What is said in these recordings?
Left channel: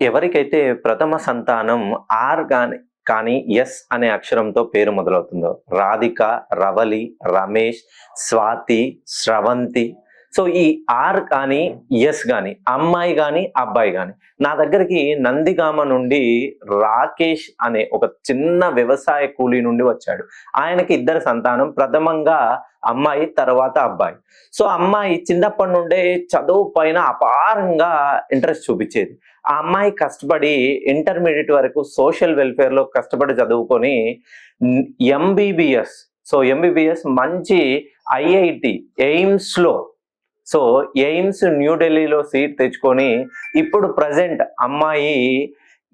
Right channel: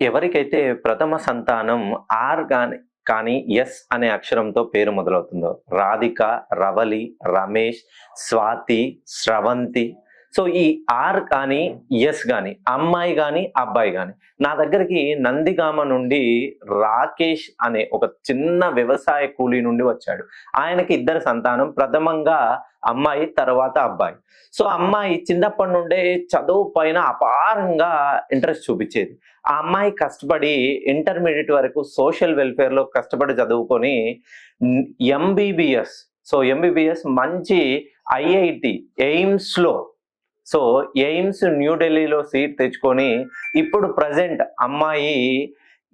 ఎవరికైతే ప్రథమ సంతానం ఆర్ కానీ ఎస్ అనే అక్షరంతో పేరు మొదలవుతుందో రాధిక, రవలి, రమేష్, స్వాతి, స్రవంతి. సో ఈ ఆర్ కానీ, ఎస్ గాని, అమ్మాయి గాని, అబ్బాయి గాని నా దగ్గరికి నందిగామ నుండి రాకేష్ అనే ఒక చిన్న వ్యవసాయ కూలీ నుండి వచ్చాడు. ఆయనకి ఇద్దరు సంతానం. ప్రథమంగా అమ్మాయి, తర్వాత అబ్బాయి. సో అమ్మాయి చిన్నప్పటి నుండే చదువు పైన అపారంగా ఇంట్రెస్ట్ చూపించేది. ఆ అమ్మాయి కష్టపడి ఇంటర్మీడియేట్ వరకు సోషల్ వెల్ఫేర్‌లో కష్టపడి చదువుకొని హ్మ్, ఎంబీబీఎస్ ఎంబీబీఎస్ మంచి ఐఐటీ, ఎయిమ్స్‌లో సో, ఎయిమ్స్ న్యూ ఢిల్లీలో సీట్ తెచ్చుకొని, ఇప్పుడు ప్రెజెంట్ అమ్మాయి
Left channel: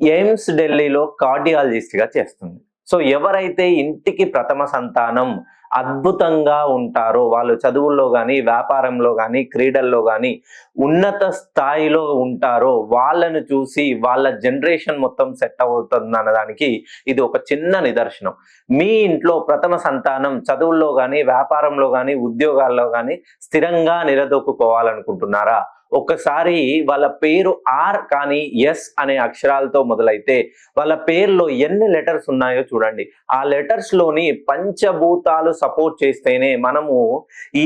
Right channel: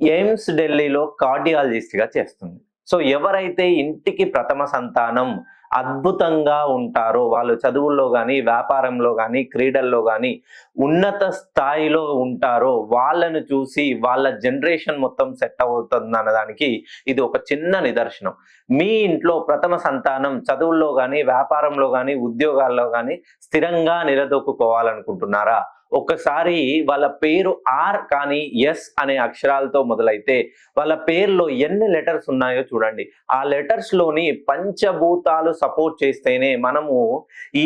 ఎయిమ్స్ ఢిల్లీలో కార్డియాలజిస్ట్‌గా చేస్తుంది. సో, ఎవరైతే ఇంటికి ప్రథమ సంతానం అద్భుతంగా ఉంటారో, వాళ్ళు చదువుల్లో గాని, వ్యాపారంలో గాని, క్రీడల్లో గాని ఉన్నత స్థాయిలో ఉంటారో, వాళ్ళని చూసి వాళ్ళ జనరేషన్ మొత్తం సెట్ అవుతుందనడానికి ఇది ఒక చిన్న నిదర్శనం. మీ ఇంట్లో ప్రథమ సంతానం చదువుల్లో గాని, వ్యాపారంలో గాని, ఉద్యోగాల్లో గాని స్థిరంగా నిలదొక్కుకోవాలనుకుంటున్నారా? ఒక్కసారి వాళ్ళ పేరు ఆర్ కానీ ఎస్ అనే అక్షరాలతో మొదలైతే వాళ్ళ పేరులో ఎన్ని లెటర్స్ ఉన్నాయో చూడండి. ఆ లెటర్స్ లోని పంచభూతాలు సపోర్ట్ చేస్తేనే మనము ఈ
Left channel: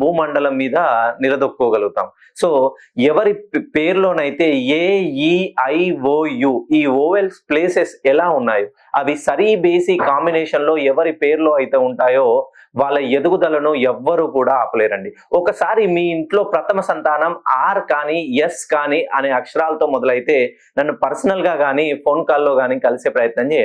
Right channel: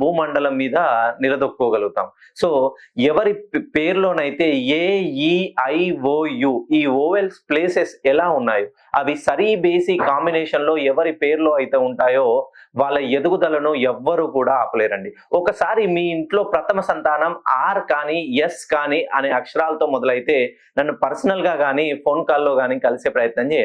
భూమండలం మీద నిలదొక్కోగలుగుతాం. సో ఎవరి పేరులోనైతే ఏ, ఈ, ఐ, ఓ, యు ఈ ఓవెల్స్ ప్లేసెస్ ఎలా ఉన్నాయో అవి సరి బేసి కాంబినేషన్ లో ఎవరి పేరులో అయితే ఉంటాయో వాళ్ళ ఎదుగుదలను ఎవ్వరు కూడా ఆపలేరండి. ఒకసారి మీ ఇంట్లో ప్రథమ సంతానం ఆర్ కానీ, ఎస్ కానీ అనే అక్షరాలతో మొదలైతే నన్ను పర్సనల్ గా గాని, ఫోన్ కాల్‌లో గాని కలిసే ప్రయత్నం చేయండి.